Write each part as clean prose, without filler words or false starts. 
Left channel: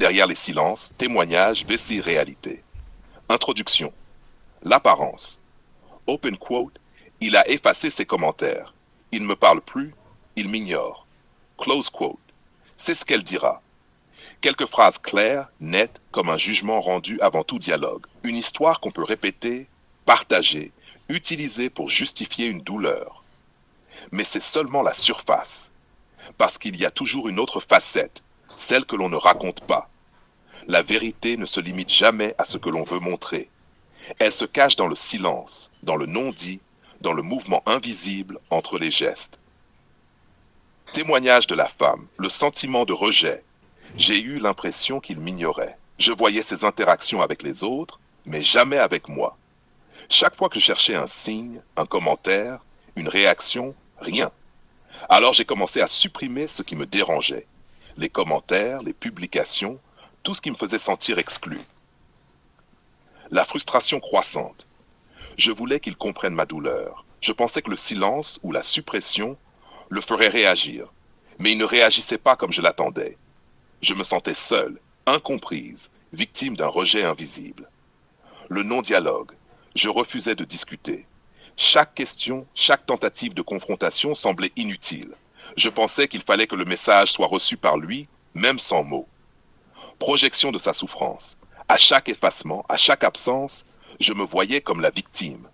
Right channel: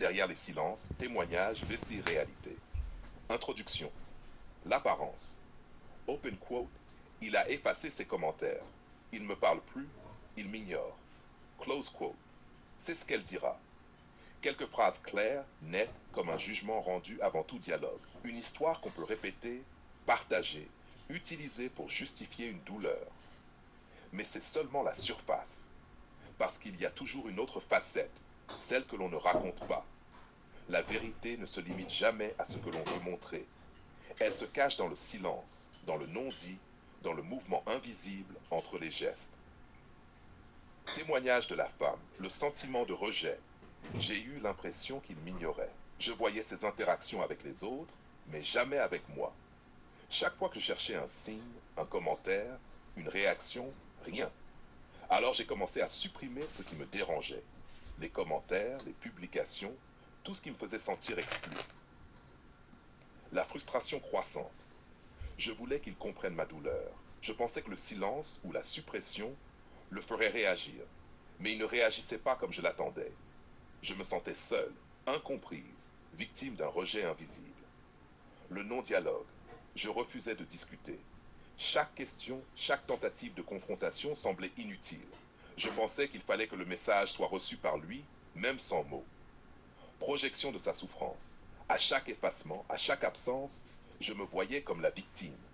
derrière les silences, témoignages, récits, réalité. Introduction. L'apparence. Open quote. Il a effacé ses commentaires. Il ne me parle plus, il m'ignore. Close quote. C'est ce qu'elle dira. Quelques phrases claires, nettes, comme un jugement rendu avant tout dialogue. Une histoire qu'on peut répéter, partager, utiliser pour justifier une douleur. Mais c'est seulement la surface. Parce qu'il y a toujours une autre facette, celle que l'on ne raconte pas. La vérité ne se limite jamais à ce que l'on veut montrer. Elle se cache dans le silence, dans le non-dit, dans le mouvement invisible entre les gestes. Témoignage de la femme, le sentiment de rejet. J'ai eu l'impression qu'il m'ignorait. Je voyais ses interactions avec les autres, mais jamais avec moi. Chaque fois que je cherchais un signe, un commentaire, une réaction, rien. Alors j'ai commencé à supprimer ce qui me dérangeait. Les commentaires, les publications, tout ce qui me faisait sentir exclu. La frustration croissante. Je voulais qu'il comprenne ma douleur. Je pensais que le silence ou la suppression le ferait réagir. Mais il ne réagissait pas comme je l'attendais. Je me sentais seule, incomprise, victime d'un rejet invisible. Le non-dialogue. Je refusais de discuter. Chaque question, chaque tentative de confrontation semblait inutile. Je pensais qu'il fallait que le message soit reçu par lui, même sans mots. Projection de sa souffrance. À chaque effacement, à chaque absence, je me voyais comme la victime.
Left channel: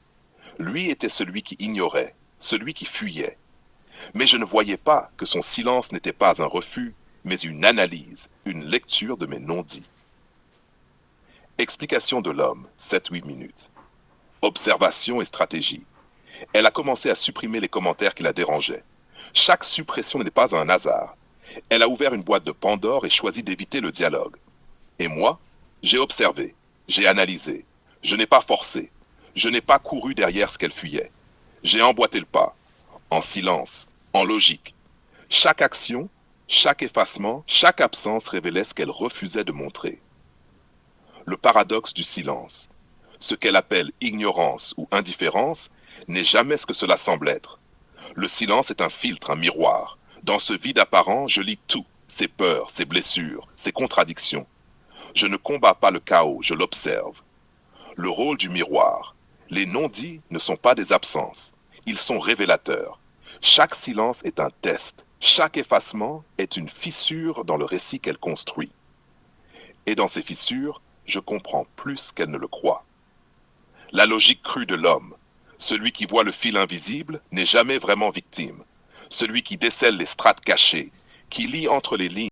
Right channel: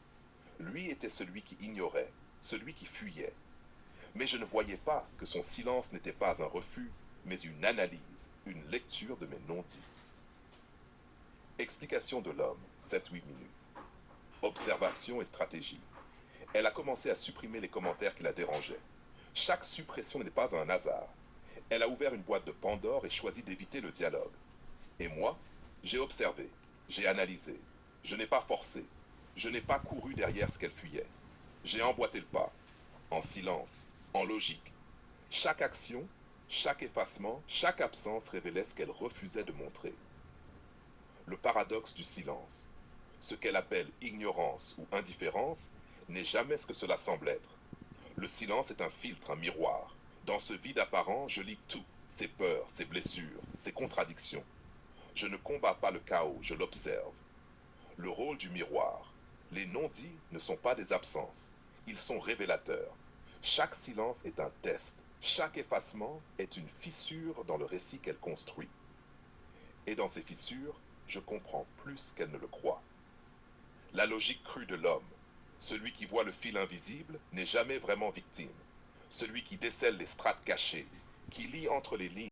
Lui était celui qui ignorait, celui qui fuyait. Mais je ne voyais pas que son silence n'était pas un refus, mais une analyse, une lecture de mes non-dits. Explication de l'homme, 7-8 minutes. Observation et stratégie. Elle a commencé à supprimer les commentaires qui la dérangeaient. Chaque suppression n'est pas un hasard. Elle a ouvert une boîte de Pandore et choisi d'éviter le dialogue. Et moi, j'ai observé, j'ai analysé. Je n'ai pas forcé. Je n'ai pas couru derrière ce qu'elle fuyait. J'ai emboîté le pas, en silence, en logique. Chaque action, chaque effacement, chaque absence révélait ce qu'elle refusait de montrer. Le paradoxe du silence. Ce qu'elle appelle ignorance ou indifférence n'est jamais ce que cela semble être. Le silence est un filtre, un miroir. Dans ce vide apparent, je lis tout, ses peurs, ses blessures, ses contradictions. Je ne combats pas le chaos, je l'observe. Le rôle du miroir. Les non-dits ne sont pas des absences, ils sont révélateurs. Chaque silence est un test, chaque effacement est une fissure dans le récit qu'elle construit. Et dans ces fissures, je comprends plus qu'elle ne le croit. La logique crue de l'homme. Celui qui voit le fil invisible n'est jamais vraiment victime. Celui qui décèle les strates cachées, qui lit entre les lignes,